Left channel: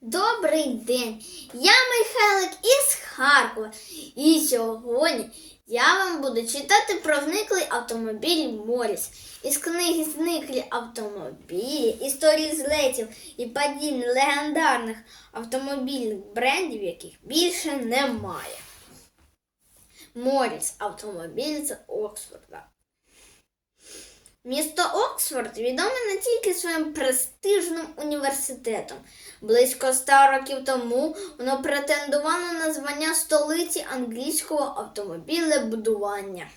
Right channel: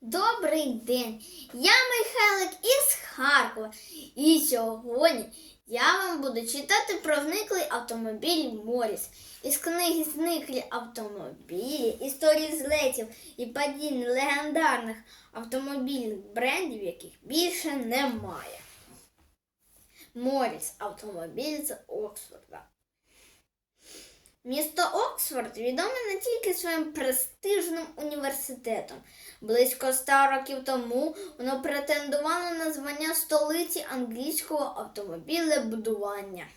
Добрий день! Я Михайлик із Харкова. І сьогодні я вам буду читати про зниклий автомобіль Моріс. Із книги Зниклі автомобілі, історії злетів і падінь легендарних автомобільних брендів, яких більше немає. Моріс автомобіль з Оксфорда. Місто Оксфорд відоме не тільки своїм престижним університетом. Близько ста років тому воно претендувало на звання столиці англійського автомобілебудування.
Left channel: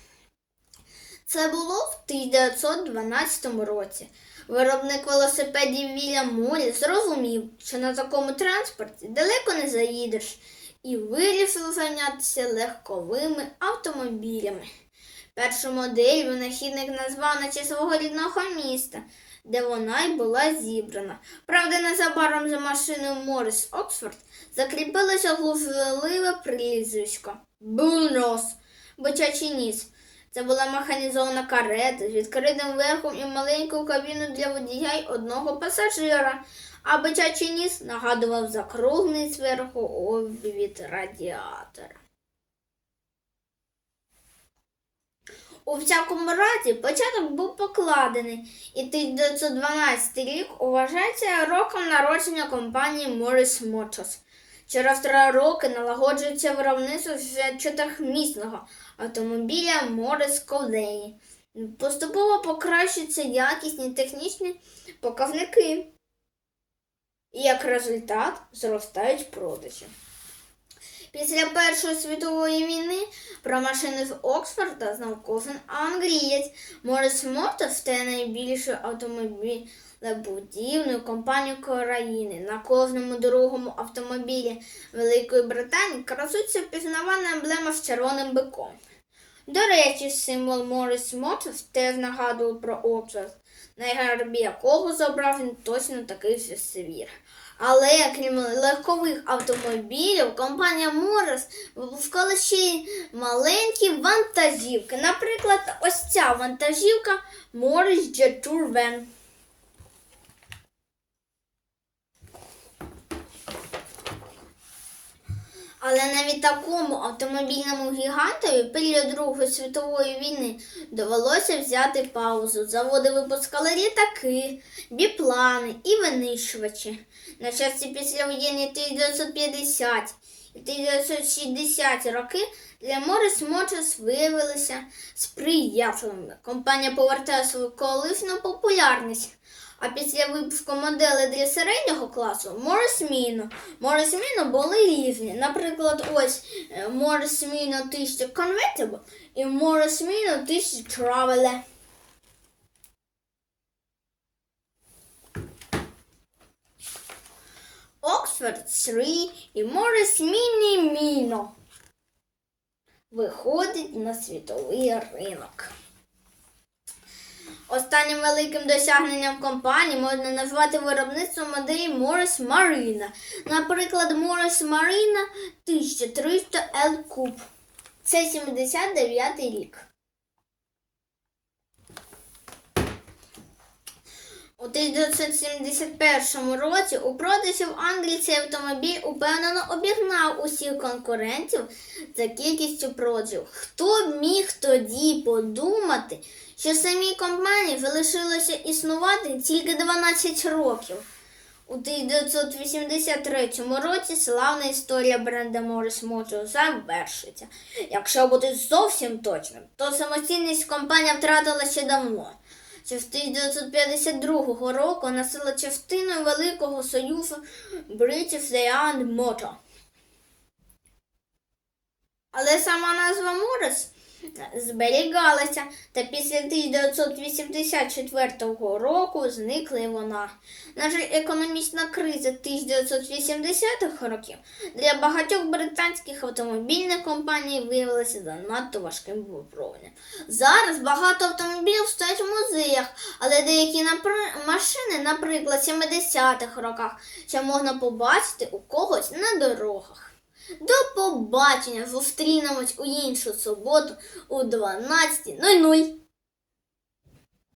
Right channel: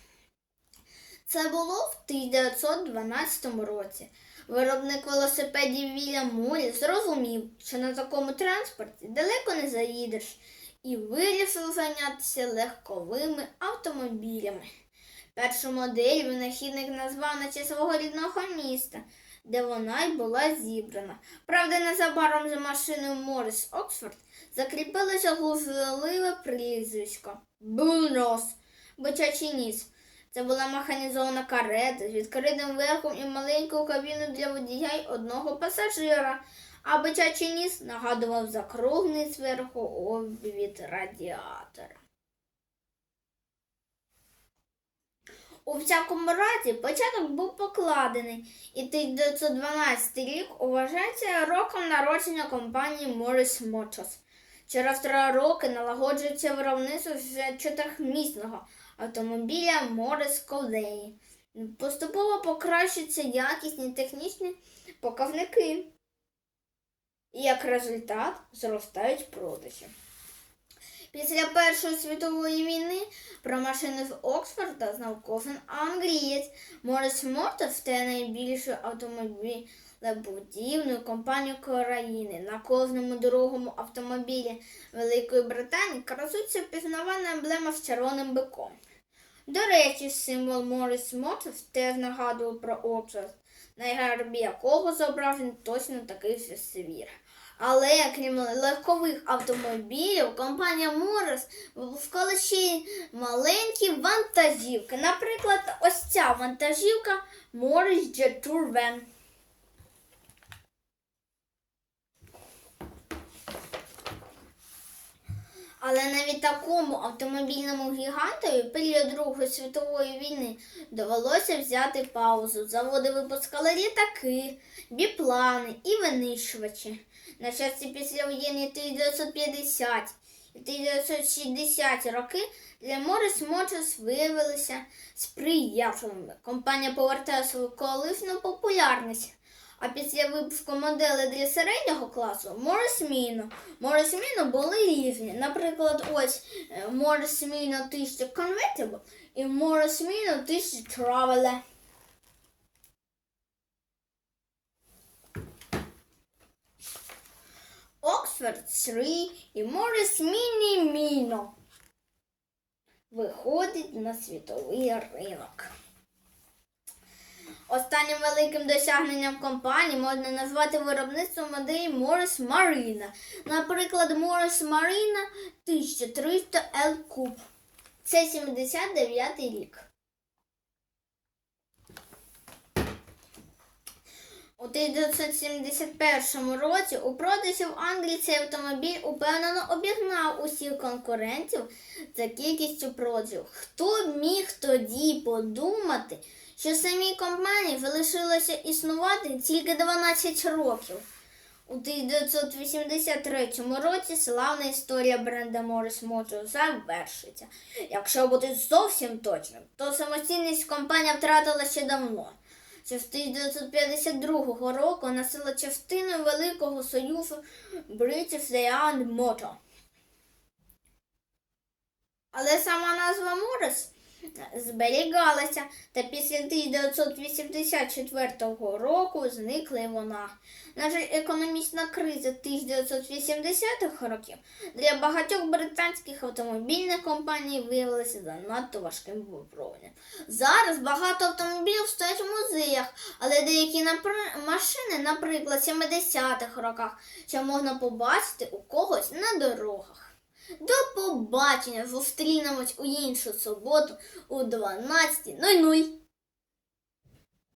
Це було в 1912 році. Виробник велосипедів Вільям Морі зрозумів, що на такому транспорті далеко не заїдеш, і вирішив зайнятися легковими автомобілями. Першу модель винахідник назвав на честь свого рідного міста, де вона й була зібрана. Правда, незабаром за машиною Морис Оксфорд закріпилося глузливе прізвисько Булнос, бичачий ніс. Це була механізована карета з відкритим верхом і маленькою кабіною для водія й одного пасажира, а бичачий ніс нагадував закруглений зверху обвід радіатора. У всякому разі, початок був покладений, і 1912 рік вважається роком народження компанії Morris Motors. Через три роки налагоджується виробництво вже чотирьохмісного автомобіля Morris Coley. Поступово покращуються якісні технічні показники. І як результат зростають продажі. Після Першої світової війни про машини з Оксфорда знав кожен англієць. Морис Моторс стає найбільшою автомобілебудівною компанією країни. На кожному другому автомобілі Великої Британії красується впізнавана емблема з червоним биком. До речі, символ Морис Моторс теж нагадував про Оксфорд, на гербі якого зображений точно такий же свір. Але крім легкових автомобілів, компанія Морес випускала ще й маленькі вантажівки. Наприклад, ось ця вантажівка Morris Jet Tour Van. Але навіть такому автомобільному гігантові період Другої світової війни довелося взяти паузу. Заводи випускали літаки, біплани і винищувачі. На щастя, післявоєнні 1950 і 1960 роки для Morris Motors виявилися сприятливими. Компанія повертає свою колишню популярність. А після випуску моделей для середнього класу Morris Mino. Morris Mino були різні. Наприклад, ось е, Morris Mino 1000 Convertible і Morris Mino 1000 Traveler. Oxford 3 і Morris Mini Mino виходить на світовий ринок. Останнім великим досягненням компанії можна назвати виробництво моделі Morris Marina. Наприклад, Morris Marina 1300 L Coupe. Це 79 рік. У 1971 році у продажі в Англії цей автомобіль упевнено обігнав усіх конкурентів за кількістю продажів. Хто міг тоді подумати, що самій компанії залишилося існувати тільки 12 років. У 1983 році славна історія бренда Morris Motors завершиться. Якщо бути зовсім точним, то самостійність компанія втратила ще давно. Ще з 1952 року носила частину Великого Союзу British Land Motor. Але сама назва Морис зберігалася, та після 1984 року зникла вона. На жаль, економічна криза 1980-х років для багатьох британських автомобільних компаній виявилася занадто важким випробуванням. Зараз багато автомобілів стоять в музеях, але деякі напри- машини, наприклад, 70-х роках, ще можна побачити у когось на дорогах. До побачення! Зустрінемось у іншу суботу у 12.00.